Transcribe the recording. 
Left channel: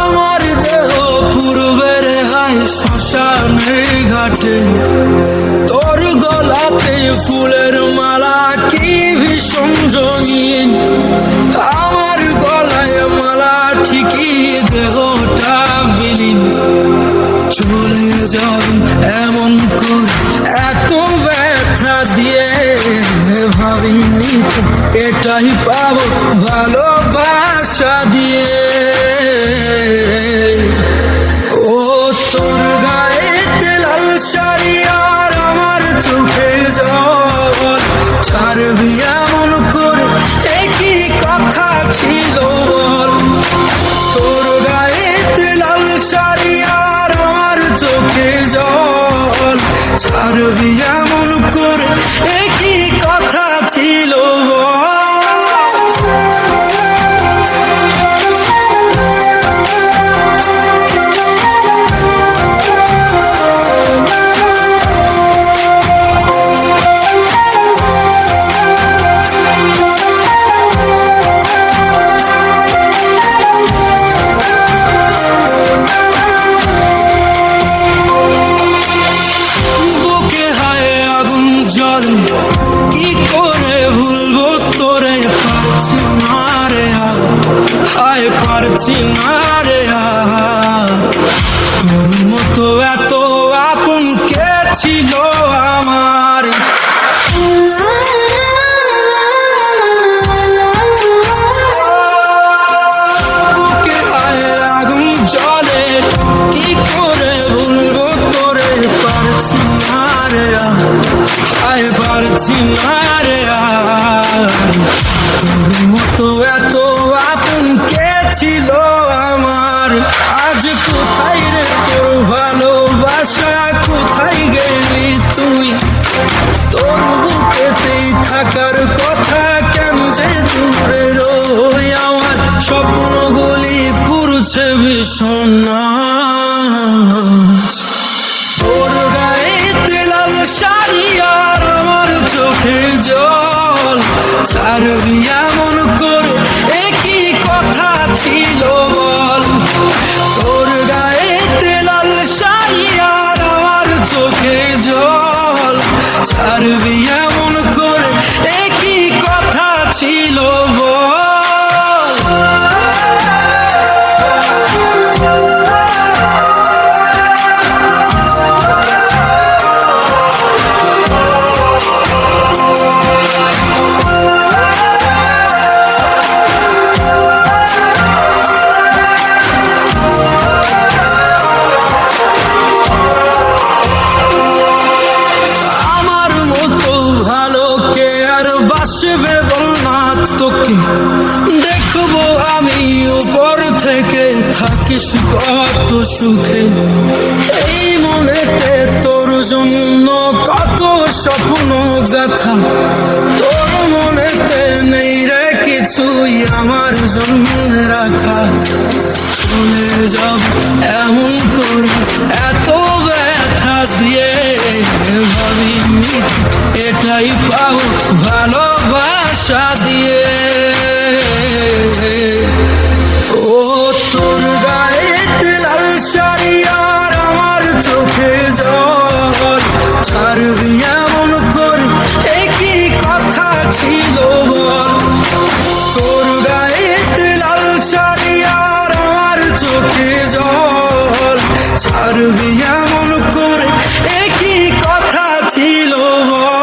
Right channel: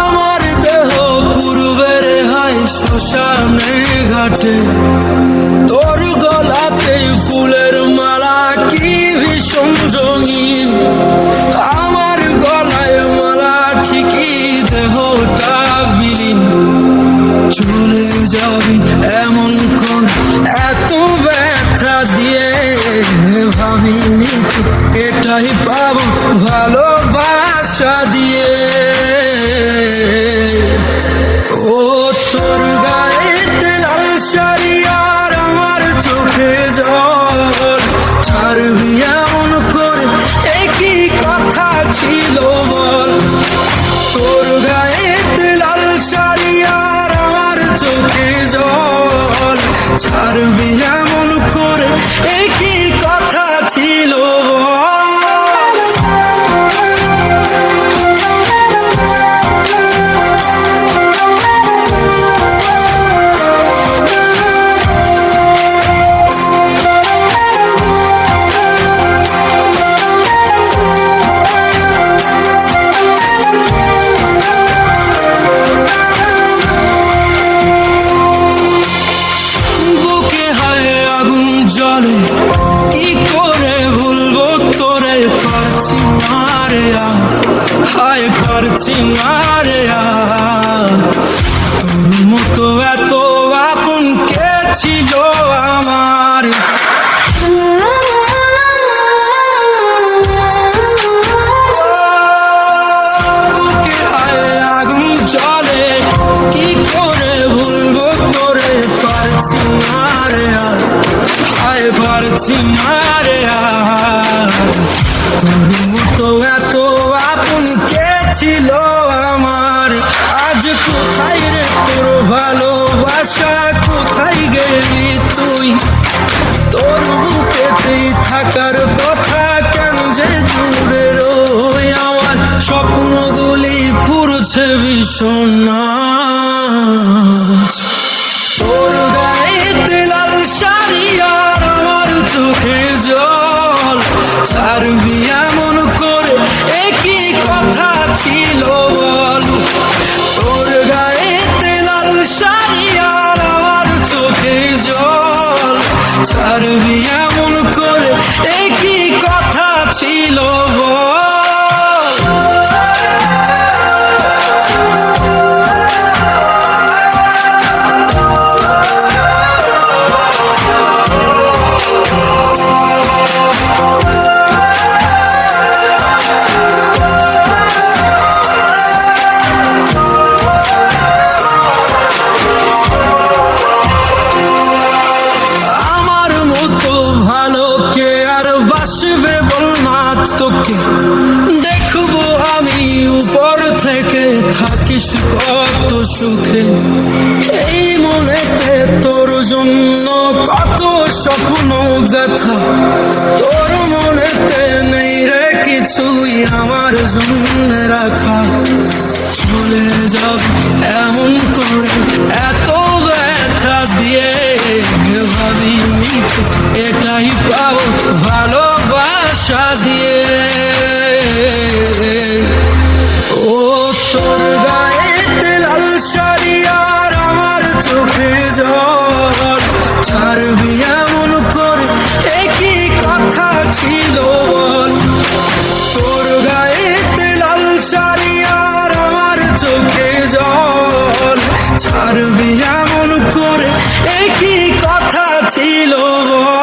আমার দেহ পূর্বের হায় শ্মশানের ঘাটে, তোর গলাতে ফুলের মালা কি ভীষণ রঙিন। আমার গলায় মালা ঠিকই দেহটা বিলীন। চলে যাবি এমন করে এত ব্যথা দিয়ে, ভাবিনি তো এটাই পাবো ভালোবাসা দিয়ে। ও তোর গায়েতে লাল শাড়ি আর আমার চোখে জল, ছাড়বি এমন করে একই কথা ছিল বল। তোর গায়েতে লাল শাড়ি আর আমার চোখে জল, ছাড়বি এমন করে একই কথা ছিল বল। জলে কি করে ভুলবো তোরে, পারছি না রে হায় পারছি না রে। তোর মতো এত আপন কে ছিল আমার। বুকে হায় আগুন জ্বলে, কি করে ভুলবো তোরে, পারছি না রে হায় পারছি না রে। তোর মতো এত আপন কে ছিল আমার। আজ কোথায় রে তোর ভালোবাসা, কোথায় গেলি তুই। তোর বুকেতেই থাকার কথা, কেন যে দূরে রই। আমার স্বপ্নগুলি পুরছে ভীষণ নাচ। তোর গায়েতে লাল শাড়ি আর আমার চোখে জল, ছাড়বি এমন করে একই কথা ছিল বল। তোর গায়েতে লাল শাড়ি আর আমার চোখে জল, ছাড়বি এমন করে একই কথা ছিল বল। বাসবে বল না তোকে, দেখবো আমি উপর থেকে, থাকিস কত সুখে। এই মনেতে তোর জন্য কত স্বপ্ন গাথা, তোর মনেতে নেই রে কিছুই আমার জন্য রাখা। চলে যাব এমন করে এত ব্যথা দিয়ে, ভাবিনি তো এটাই পাবো ভালোবাসা দিয়ে। ও তোর গায়েতে লাল শাড়ি আর আমার চোখে জল, ছাড়বি এমন করে একই কথা ছিল বল। তোর গায়েতে লাল শাড়ি আর আমার চোখে জল, ছাড়বি এমন করে একই কথা ছিল বল।